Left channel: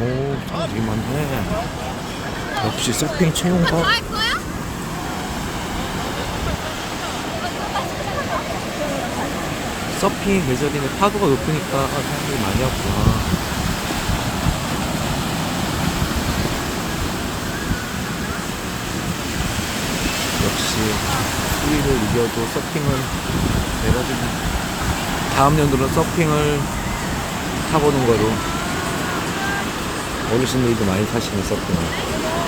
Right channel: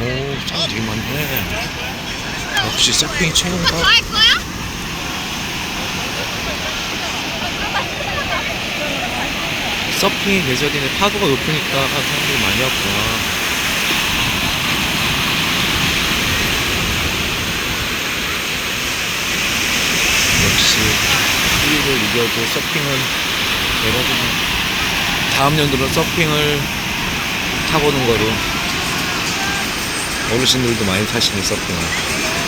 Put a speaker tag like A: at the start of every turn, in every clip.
A: 애들이만 해. 역시 서핑 최고인가?
B: 할 거야?
A: 서핑 계절이네 파도가 높으니까 사람들이 많이 왔구나. 역시 추위를 이겨도 서핑은 대박이네. 다음 연도는 서핑을 타보는 거로 어르신들도 많이 타시는 서핑을.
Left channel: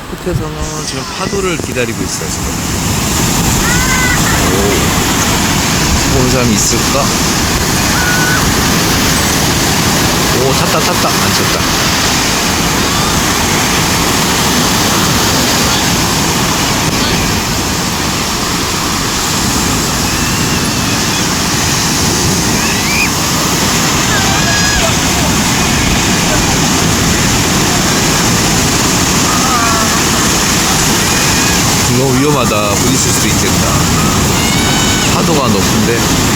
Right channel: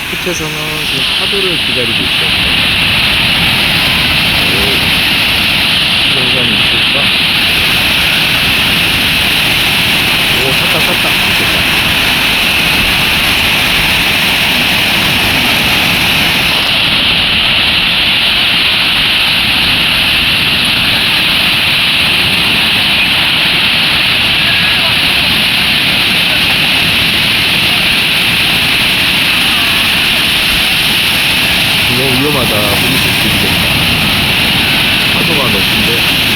A: 끝에서는 지금 파도를 기다리고 있어요. 지금. 오, 본 사람 있을까? 오, 탔다, 탔다. 안 쳤다. 너무 위험하다. 부딪힐 수도 있겠다. 파도가 높은데.